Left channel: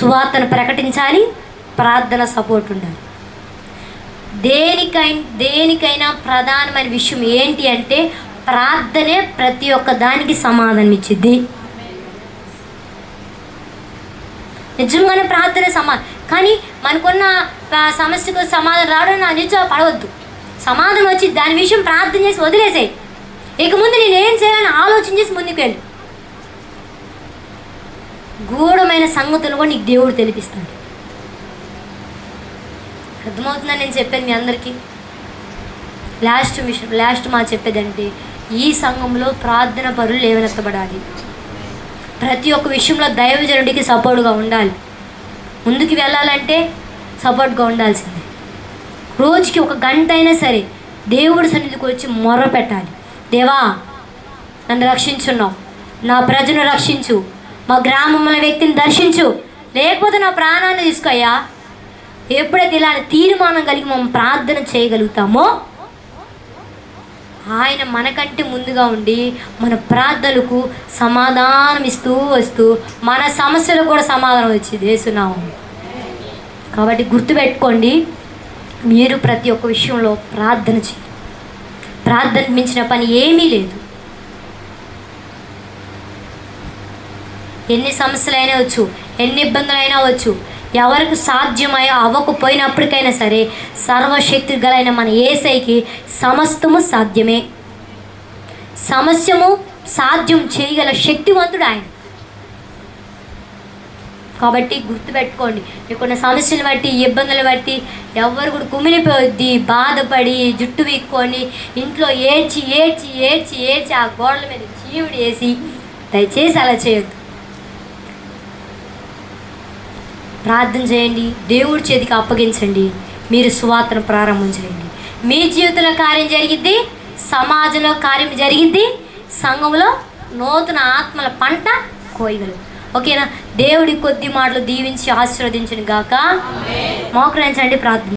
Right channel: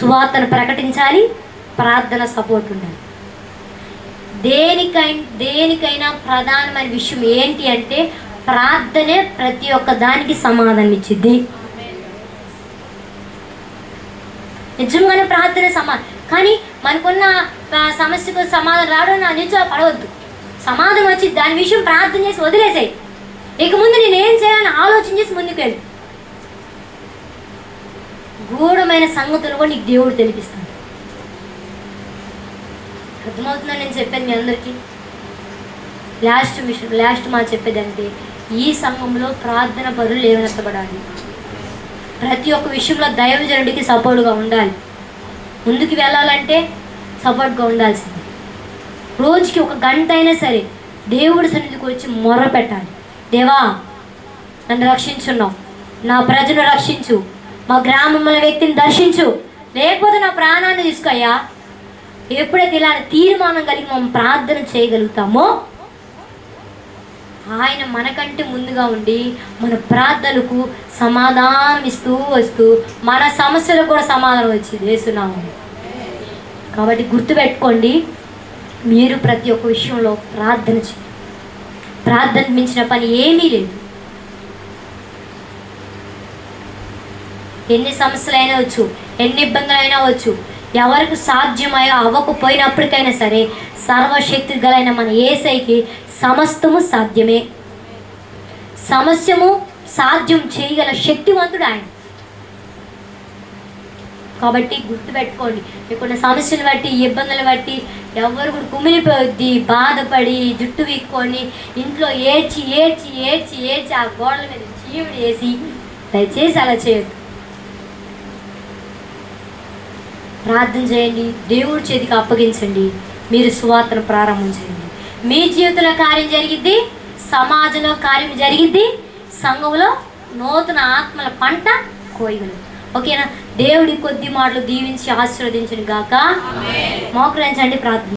సువార్తను ప్రకటించాలి ప్రార్థన సపోర్ట్ ఉండాలి. దేనికై దేనికైనా ప్రధానమైన విషయం ఏంటి అంటే ప్రార్థనే ప్రతి ఒక్క దానికి సమాధానం ఇచ్చిద్ది నిజంగానే ప్రార్థన సమా కానీ మనకున్న సమస్యకు సమాధానం రావడం నా నిజం పడవద్దు. సమాధానం వచ్చి దాని విషయం ప్రార్థన చేసి వదిలేసాయి. ఇక ముందు నేను ఏం చేయాలని ఆలోచన చేసి ముందుకు వెళ్ళి గూఢమైన సంగతులు కూడా నీకు దేవుడు తెలిపిస్తాడు. అర్థమవుతుందా నేను చెప్పాను మీ అందరికీ? లాస్ట్ విషయం లాస్ట్ మా చెప్పేదంటే ఈ సంఘంలో ప్రార్థన పరులు లేవనెత్తబడాలి. ప్రతి ఒక్క విషయంలో దైవజనుడికి సపోర్ట్గా ఉండాలి. ముందుకు వెళ్ళాలంటే సపోర్ట్గా ఉండాల్సిందే. రోజుకి ఒక గంట అయినా సరే దేవుడి సన్నిధికి వచ్చి మొర్ర పెట్టాలి. దేవా నన్ను రక్షించున్నావు. నా ప్రజను రక్షించు. మా గ్రామంలో వ్యక్తిని దర్శించు. లేకపోతే నా ప్రాణాన్ని తీసుకయ్యా. ఎప్పుడైతే ఇలాంటి తీర్మానం కలిగి మనం ప్రార్థన చేయగలుగుతామో ఆయన మనకంటే ముందుగా ఉండి మన ప్రార్థనలకు సమాధానం ఇస్తూ వస్తూ మన సమస్యలకు కూడా సమాధానం వచ్చి వేసునాము కాబట్టి గుర్తుపెట్టుకోండి మీరు ప్రతి ఒక్క విషయంలో ప్రార్థన చేయండి. ప్రార్థన మించిన పని ఏమీ లేదు. ఎన్ని సమస్యలైనా వచ్చు ఎన్ని ఇబ్బందులైనా వచ్చు ఎవరికి సాధ్యమయ్యో అవ్వకపోయినప్పటికైనా సరే సర్వశక్తి గలైన మన ఏసైకి సమస్తము సాధ్యమే. సమస్యము సాధ్యం చేయగల శక్తివంతుడు ఆయన. కాబట్టి గుర్తుపెట్టుకోండి మీకున్న సమస్యలు బట్టి ఇబ్బందులు బట్టి ఎవరు కూడా కుమిలిపోద్ది బాధపడి జుట్టు వీక్కొని ఇంట్లో ఏడ్చి ఏడ్చి ఏడ్చి ఏడ్చి ఆ గోడల మీద చీవుడు వేసి దయచేసి అలా చేయొద్దు. ప్రార్థన చేయండి. దేవుడి చేతికి అప్పగించండి. మీరు సువార్తను ప్రారంభం చేయండి. మీ జీవితంలో కార్యం జరిగిద్ది సమాజంలో కార్యం జరిగిద్ది సంఘంలో నూతన ఆత్మల పంట కోయగలరు. ఓకేనా? దేవుడి కొద్ది మాటలు దీవించి ఆశీర్వదించను గాక. మోకరించండి ప్రార్థన.